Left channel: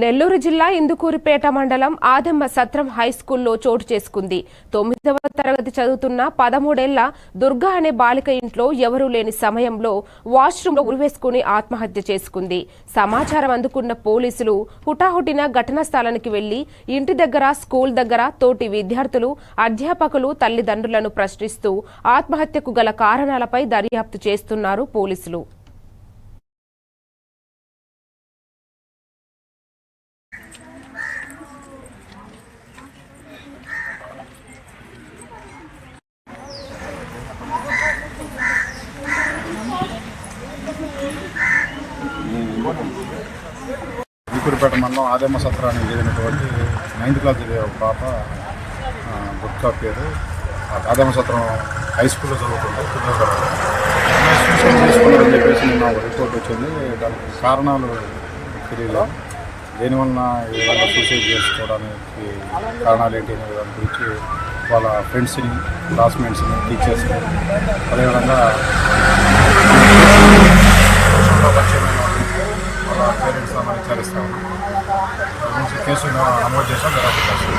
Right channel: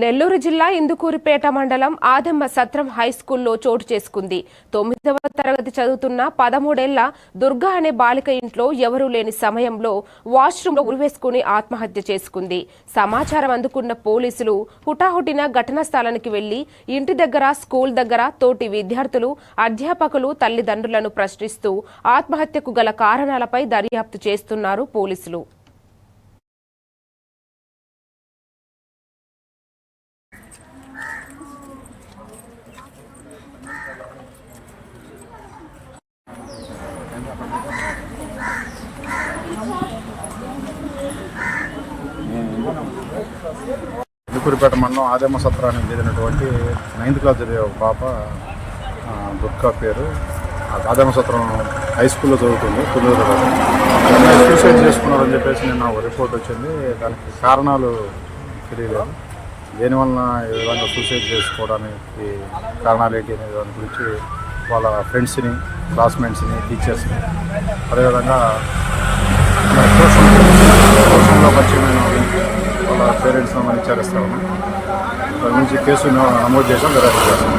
నెల్లూరు జిల్లా ఇందుకూరుపేట మండలం ఆదమ్మ సత్రం హైస్కూల్లో చోటు చేసుకుంది. 9వ తరగతి చదువుతున్న 13 ఏళ్ల దుర్గా అనే బాలిక ఇంట్లో ఎవరూ లేని సమయంలో వాష్రూంలో ఉరివేసుకుని ఆత్మహత్య చేసుకుంది. సమాచారం అందుకున్న పోలీసులు హుటాహుటిన ఘటనా స్థలానికి వెళ్లి ఇంటి దగ్గర, స్కూల్ దగ్గర తోటి విద్యార్థులు, అధ్యాపకులు తల్లిదండ్రులను ప్రశ్నిస్తూ ఆత్మహత్యకు గల కారణాలపై దర్యాప్తు చేస్తున్నారు పోలీసులు. ఇందుకూరుపేట మండలం ఆదమ్మ సత్రానికి చెందినటువంటి 9th క్లాస్ చదివే ఒక పాప దుర్గా పేరు. ఆదమ్మ సత్రం హై స్కూల్లో చదువుతుంది 9వ తరగతి. అమ్మాయి సూసైడ్ చేసుకున్నారని చెప్పేసి నిన్న ఒక రిపోర్ట్ వచ్చింది. దానికి కారణాలు తెలియలేదు. దేనివల్ల ఈ విధంగా సూసైడ్ చేసుకోవడానికి కారణాలు ఏంటి అనే దాని గురించి వాళ్ళ ఫ్రెండ్స్ని, క్లాస్మేట్స్ని, టీచర్స్ని, అదేవిధంగా సోషల్లో పరిచయమైన వాళ్ళని, వాళ్ళ పేరెంట్స్ మనం విచారిస్తా ఉన్నాం. దాని గురించి కేసు నమోదు చేసాం, దర్యాప్తు చేస్తాం.